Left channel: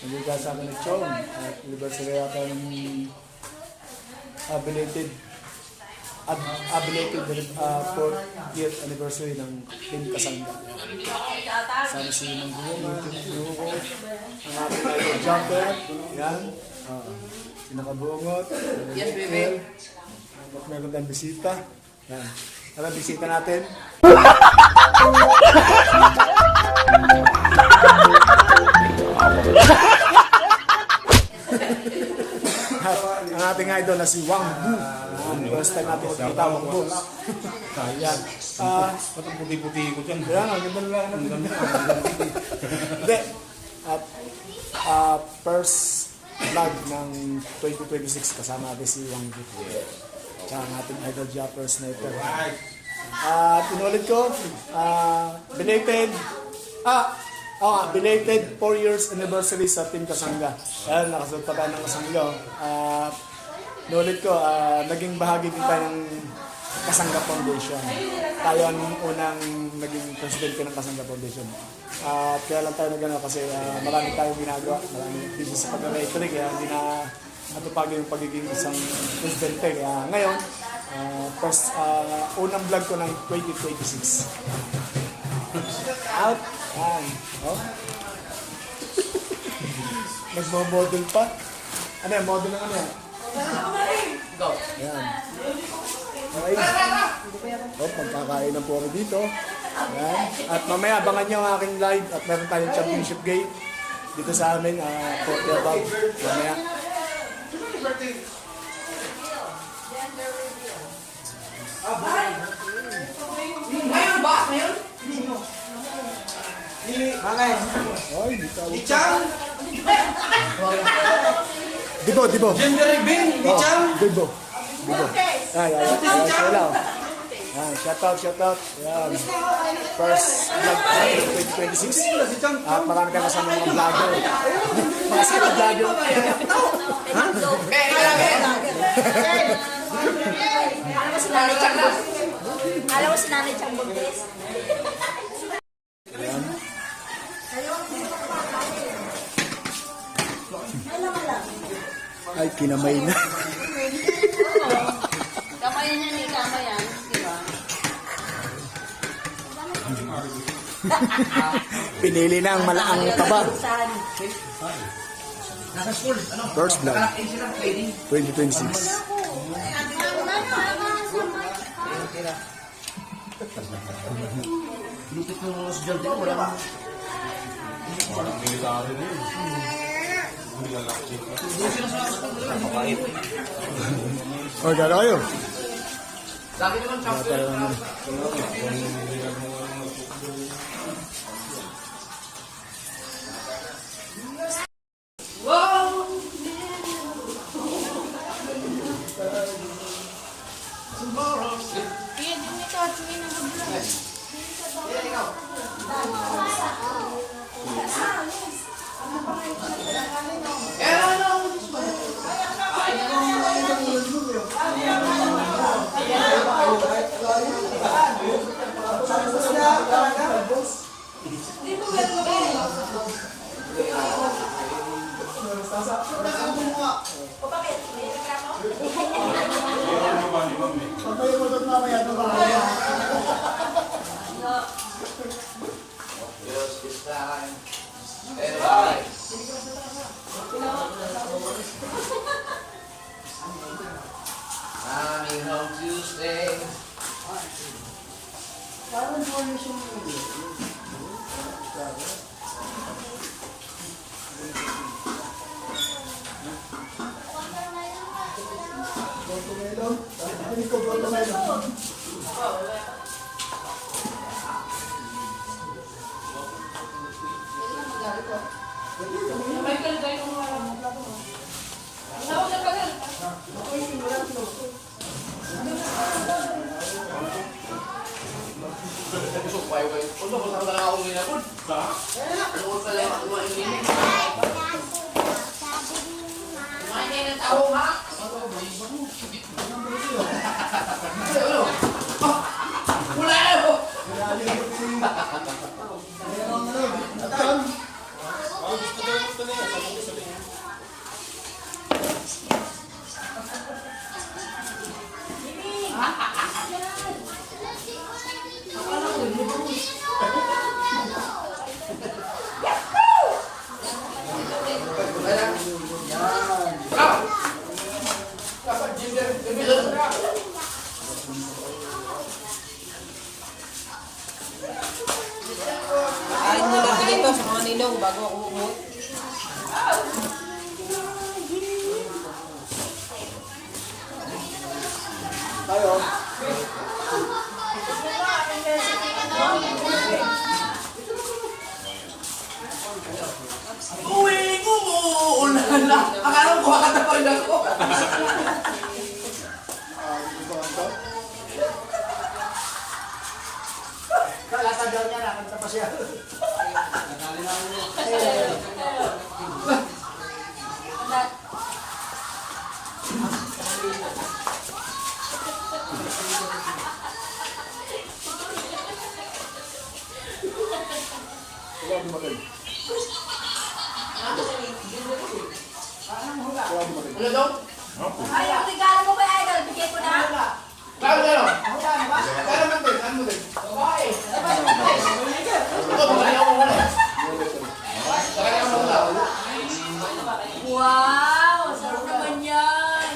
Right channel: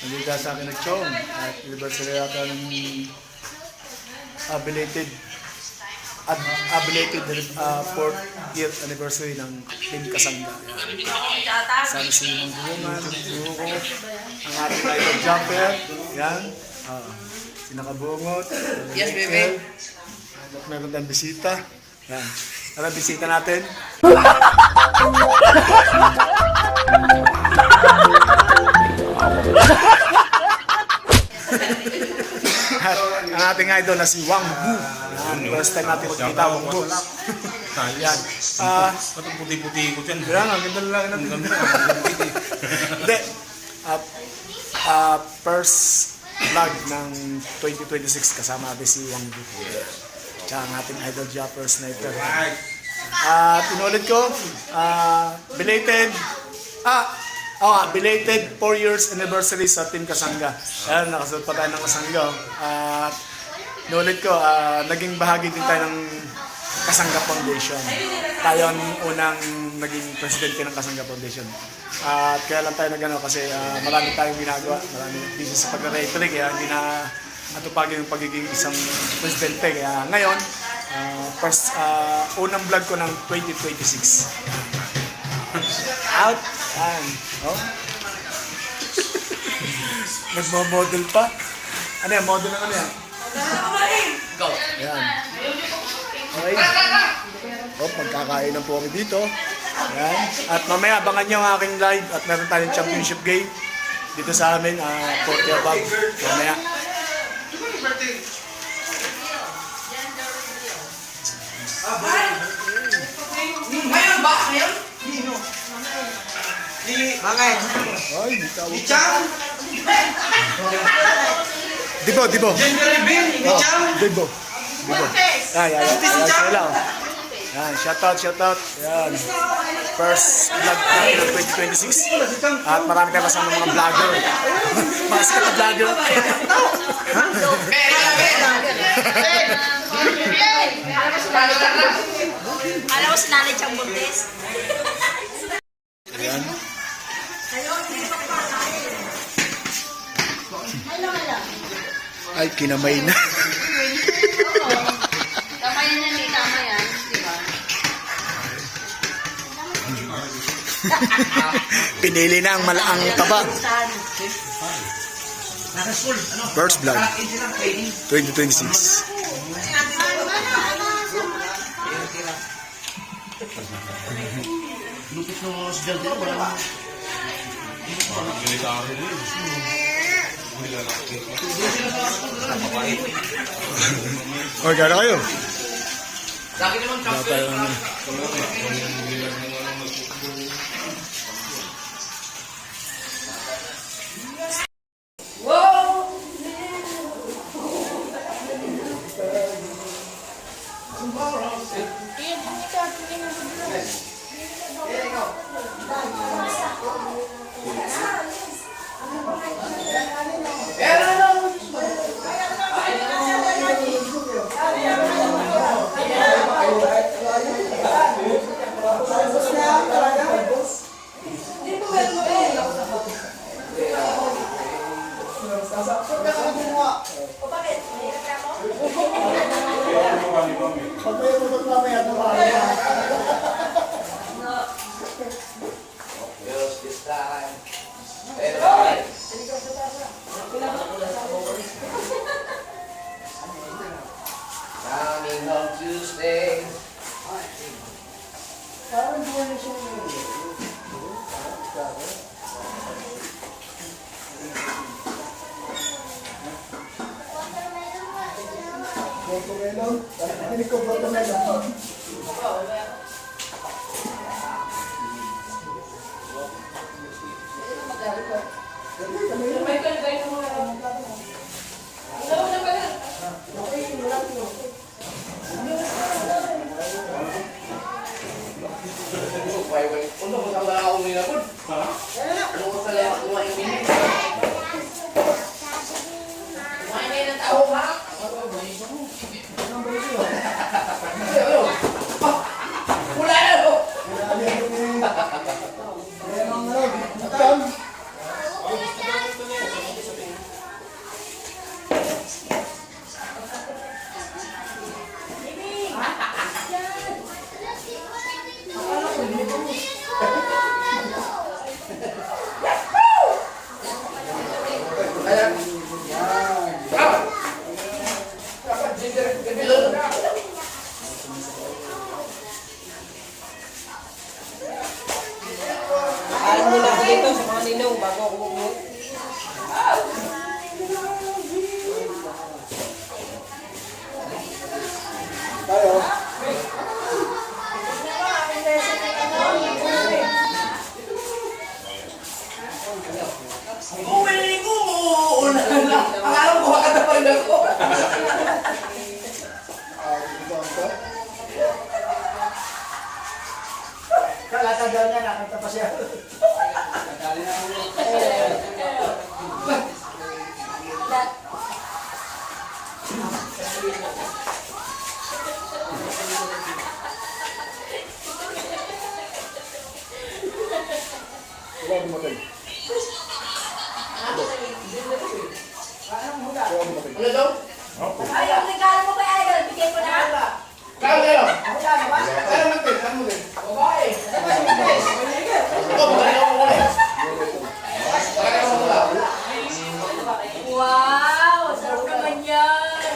Nandito sa akin ng Chong at anniversary yata ng belated 4th year anniversary ng Team Kasangga. Sana si Mang Bungan, Buko, ang ating idol jumper, yan, si Nakabungot, Yes, baby. at meron tayong bisita, yan. Tara, bisita natin. At ang ating idol na si Wang Bu. First time natin magkita, Wang Bu. Yan. Patong puti-puti ko dyan. Kaya nga, ganda lang natin. Hindi. First vlog ng 2026 kasama natin si Wang Bu. Tsaka ang ating idol Japper Sniper. Pinulit ko, belated 4 years anniversary sa Team Kasangga. Ayan, nakasunod pa tayo ng Kasangga. At pinulit ko, naging bahagi din tayo ng Kasangga Foundation. Tayo ang unang naging presidente ng Kasangga Foundation. At kaya lang tayo nagano kasi marami tayong ginagawa, marami busy sa pag-retrig, kaya hindi na atupagin yung pagiging isang presidente. Kaya ngayon, unang vlog ko ng 2026. Out! Yan. Oh. Nagmo-model pa. Ano yan? Model ng ano yan? Go. Ayan. Okay. Oh, magkakainan po kami dito. Ayan. At mamaya abangan nyo ang aking live at meron tayong championship game dito sa amin, 40 above. Mamaya. Ngayon ba? Ngayon? Bakit? Ay, di tawag. Bichang? Dibo. Gender reveal? Bichang? Dibo. Yan. Sila lang. Yan, shoutout. Yan. First vlog natin ng 2026. At marami tayong kasama mga vlogger. Mga sikat na vlogger. Alam mo si Nanay Chang Buntes? Ayan. Ay, kinamay na. Kamayan niya ni tama yan, di ba? Pinili na ang malaang taba. First vlog, 2026. Lupit ng mga sudal din, wala ba? Okay, gano'n kayo? Lagi naman Wala tayo naman. Coming home Tuesday. Ano ba sa mga ako nila po? Ha? Ano ko sa lahat kuha yung nila? Kumain na yung tao ba? Wala na po! Kain mo na ako dito sa mga ninong bago ako umuwi. Tayo. Uwi ko mo! Ulan na! Akala ko kumakanta pa rin ako. Kalata daw niya, nakita pa siya. Wala dumating. Wala dumating. Ano daw? Ay, ang regalo mo kay Idol, bigay ko na. Kaya gano'n? Kaya natin, ano mo din? Babae. Ito, babae ako muna. Kaya naman wala. Wow, sarap naman yan.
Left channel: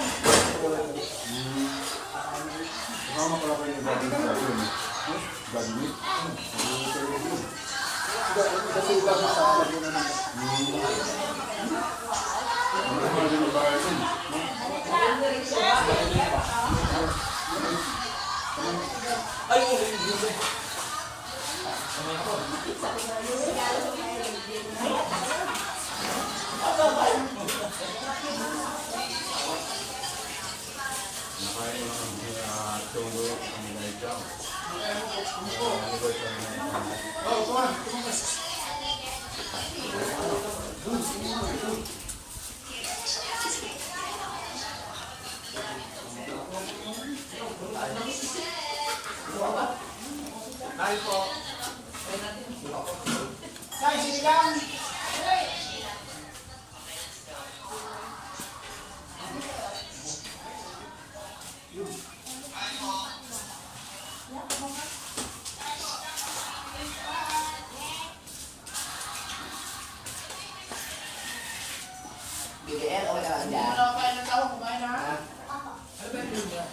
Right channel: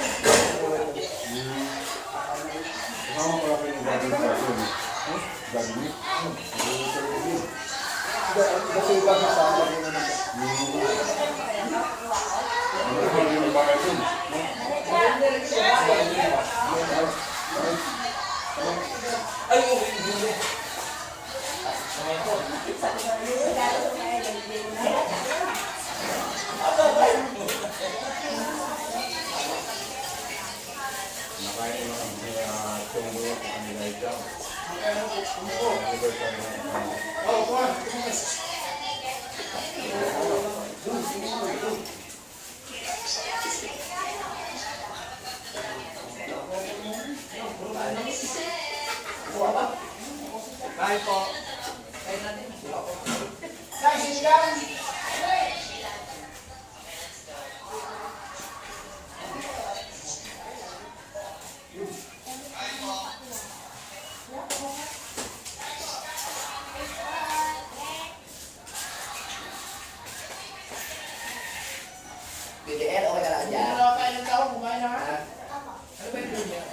BDR, okay ka lang dyan. Ano kayo ng tao? Kumain na? Ano ba yun niya?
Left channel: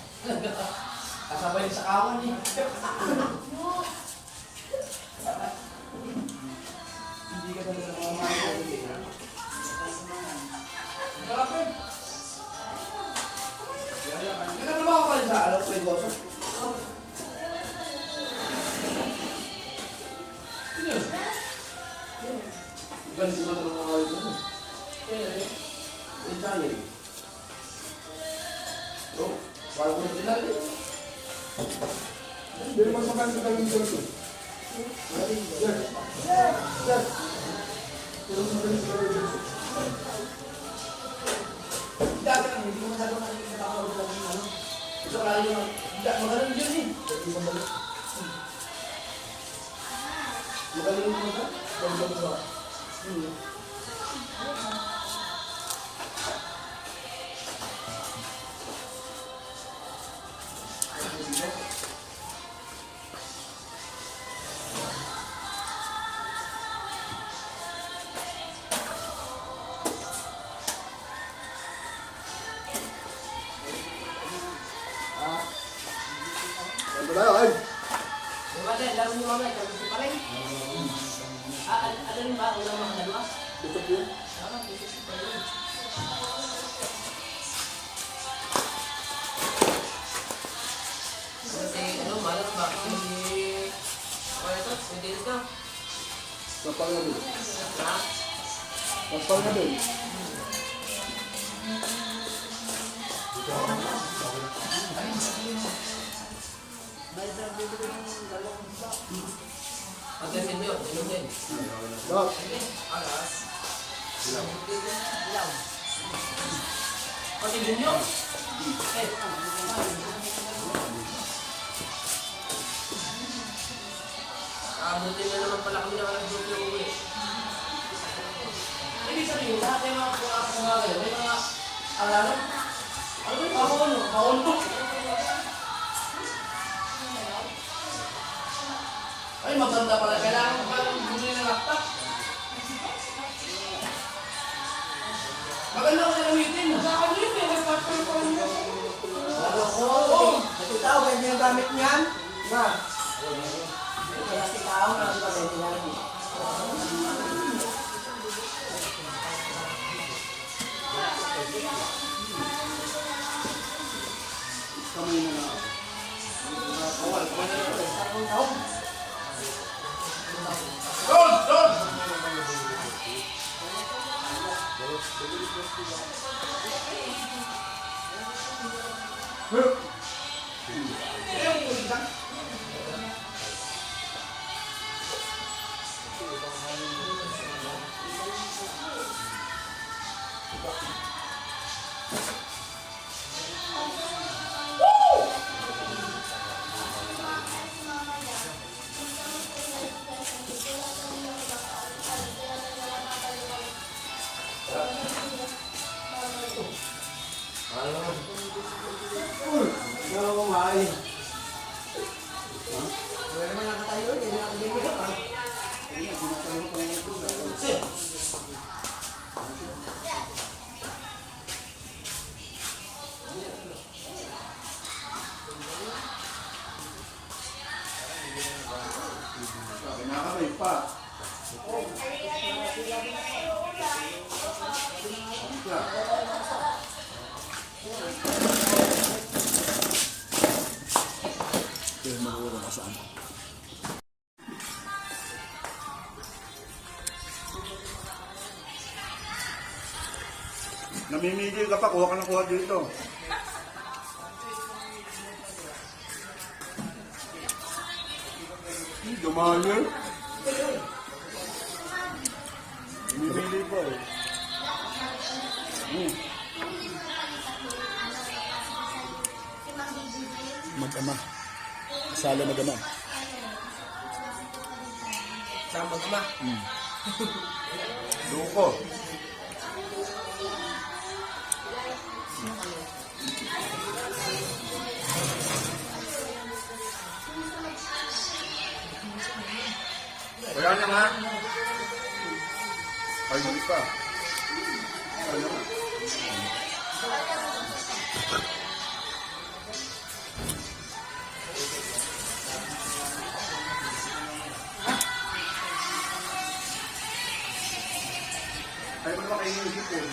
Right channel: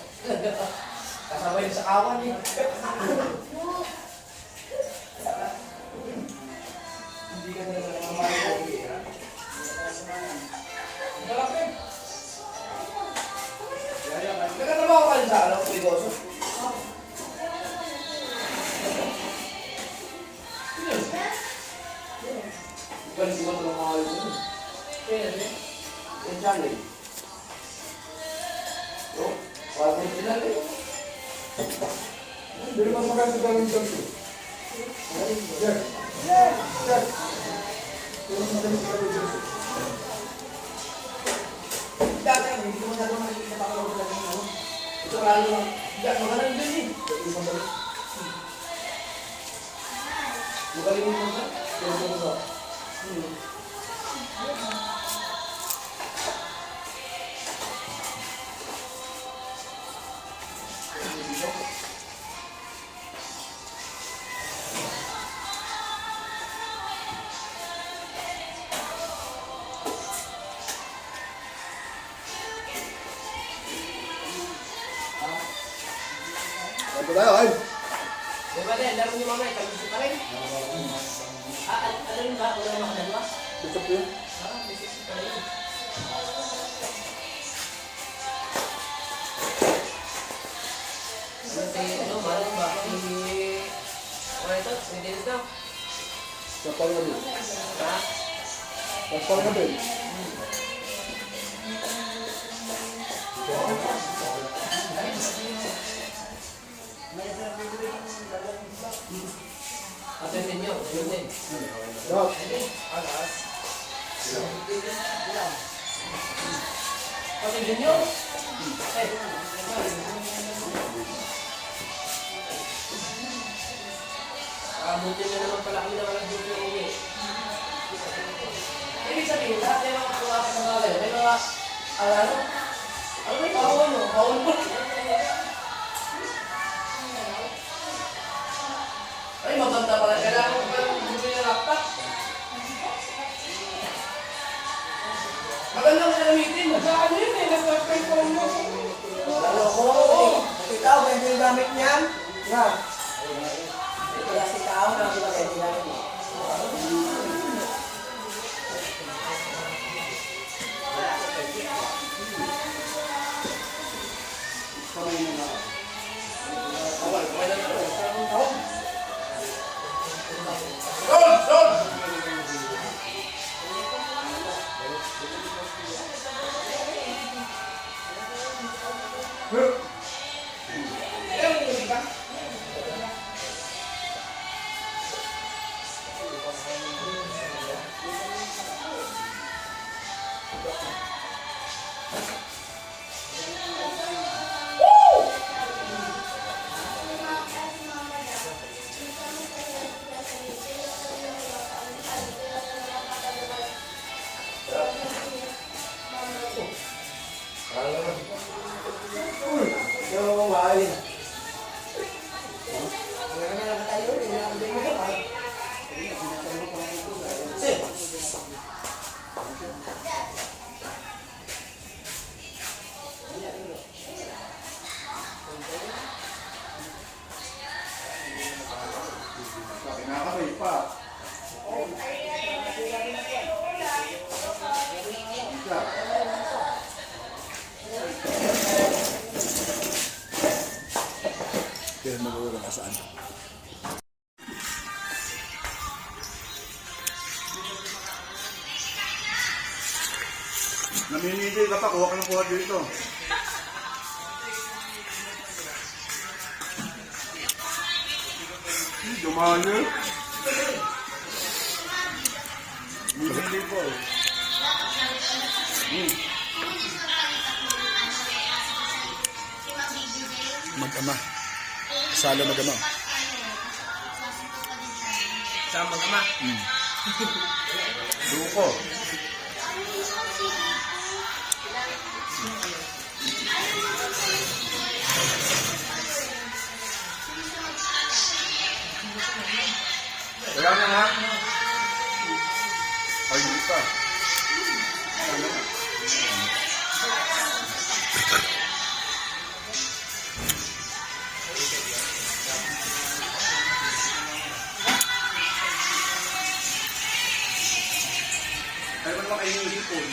Kasabay sa kawan niya. Hindi ka talaga mamamalit. Malap yun. Nagkatrabaho ka rin sa ano, negosyo? Galing ko ng mga yun. Pwede. Inshallah. Oh, parang may pinali. Hindi naman maganda ka lang dito. Yes. Yes. Pero maganda ka lang dito. Dagan, hindi mo na naman nakikita ko lang talaga yun. Ito lalo lang. Dagan, magaling dyan eh. Magaling mo sa? Magaling mo sa? Ito tayo, ay. Diba din, laro ni mama, ikaw gusto pa rin? Ano rin ba? Ulang mga dalawa? Gusto ko yun. Ano, malas ba? Ano ito? Hindi ito? Kapal nga din. Ha? Kapal nga din. Ang gamin nyo, ano din? Lahat. Pati din nyo? Buti na naman pala kami nakalagod yung uwi. Ibig sabihin, lahat ng mga pulas ng mga ganyan, may mga, ano yung paon? Paon mo? Ay, maganda pala. Kailangan ko pala bumili ng laptop. Maganda ko siya gamitin. Sa akin yun eh, nasa phone mo. tao, ganyan yung gamit niyan. Yan. Plastic tao, kasi ba ganyan yung gamit niya? Kamay na nga. Okay, kamay na ito. Parang tao. Doon! Doon! Yung kumain. Wala naman nakatayo, hindi na ang bigyan pa. Kinakamay pa. Kaya makuha ka saan. Namimigay ka pa, kuha ka ng kuha dito. Dumalo. Namimigay po. Mag-ama. Salo mag-ama. Sa magma. Duko. Wala na nga. Ay, di pa. Ano? Ay, wala kayo yung hipon.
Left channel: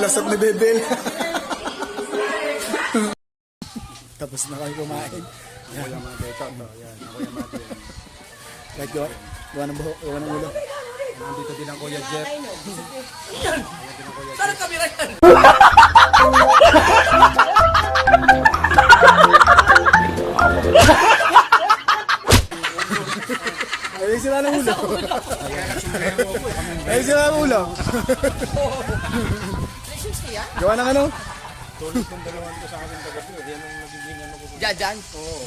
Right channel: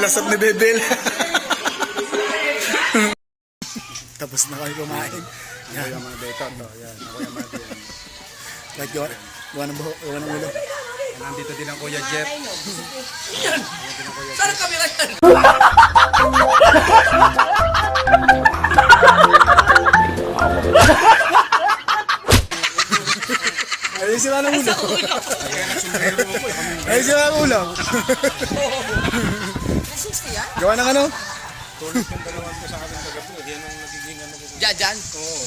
Lasap na Bebel. Tapos na kami kumain. Yan. Yung mga beta to. Yan. Ako yung mga beta. Like, gawa ng buho, gawa ng ulo. Nandito din ang Kuya Jeff. Saan ang kamera yan? Ayun sila ng ulo. Ayun sila ng ulo. Gawa ng ano? Tulad yung dalawang ko sa akin kagabi. Yan ang nagiging ano ko. Diyan. Oo.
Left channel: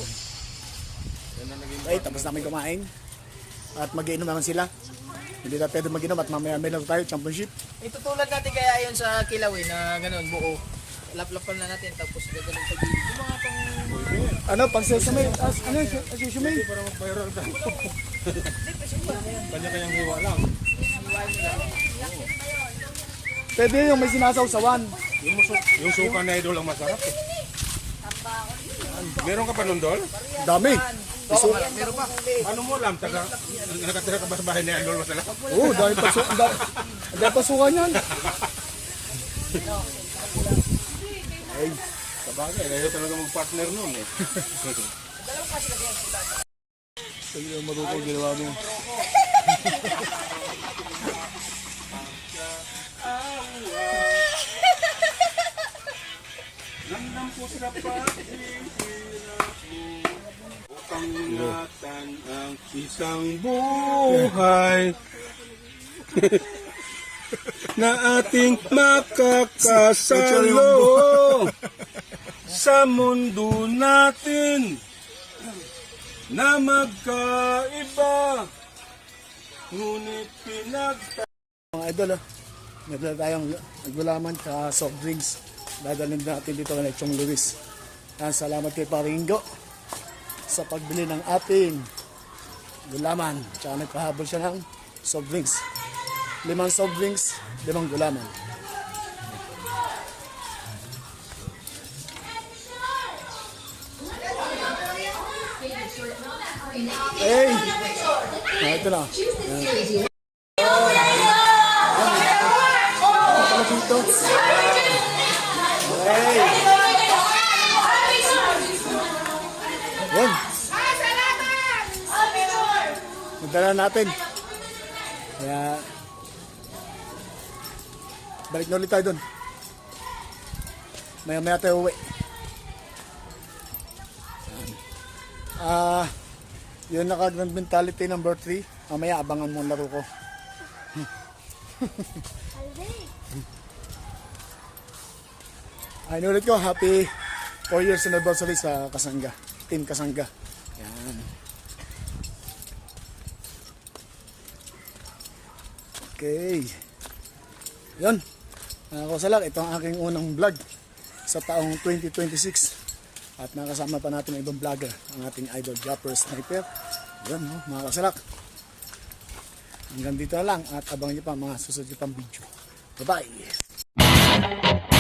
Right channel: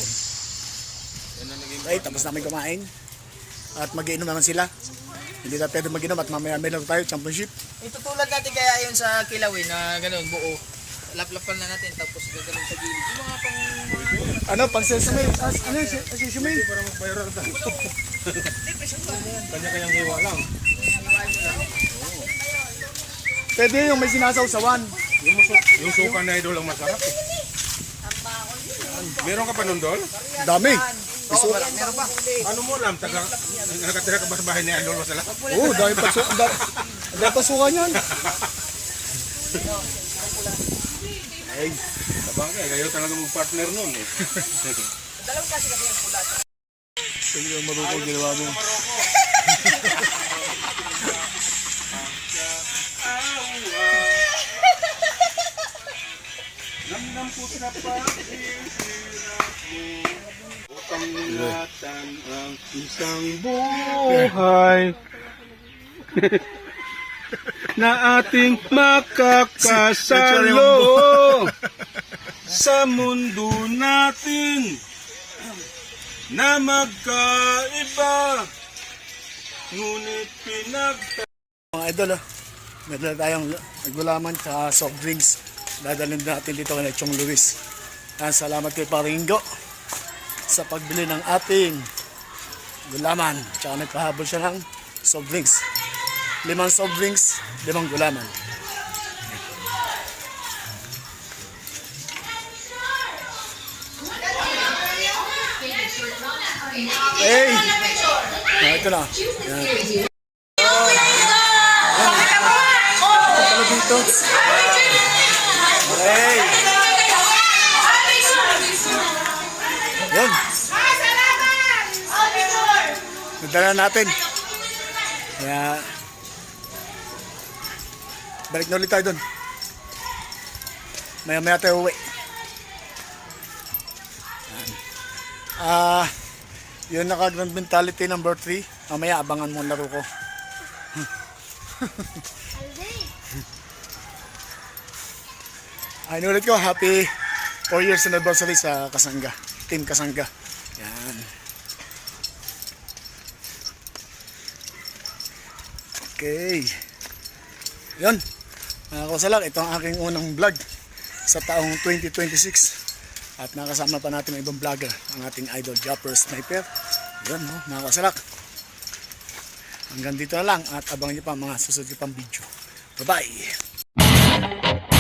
Yan ang naging... Ay, tapos namin kumain. At mag-iinom naman sila. Hindi na pwede mag-inom at mamaya may lang tayo, championship. Itutulad natin kaya yun sa kilawin na ganun, buo. Laplapan na natin tapos gagawin sa gilid. Yung mga pang... Ano, pang sesame, ano yun, sesame? Hindi para mag-viral tayo. Kanya-kanyang hiwa lang. Pwede yung may sinasawsawan. Yung suka na idol ang masarap eh. Meron ka pa nun, Dol? Dami. Ano mo alam? Nakatira ka ba sa bahay ni Idol masarap? Oo, dami pasukan yan. Ay, Sabagay, kayo talaga mag-partner nun eh. Dalawang klase kasi yung pula. Sige yung marunong ginawa mo. Pangingatan ang isang buhay na ating makakasalo sa mundo natin na magkaiba ngunit Mga idol, may dala tayong gulaman sa soft drinks. Dadalhin natin dito kay Chong Luis. Salamat kay Paringo sa pagbili ng ating gulaman. Tsaka nagpahabol siya ng soft drinks. 5 soft drinks, 5 gulaman. Hey! Ito na. Yan. Ano dito? Hey! Yan. Nadala natin. Kaya balik na ulit tayo doon. Maya-maya tayo uwi. Yun naka-grand mentality number 3. Mamaya abangan mo ang laro ko. Ay, ulit ko, happy 4 years anniversary sa Kasangga. Team Kasangga. Yan. Okay. Yun. Mga kasalak, ito ang aking unang vlog sa taong 2026. At nakasama pa natin ang ibang vlogger, ang ating idol Japper Sniper. Yun, no, mga kasalak. Hanggang dito na lang at abangan niyo pa ang mga susunod pang video. Bye-bye!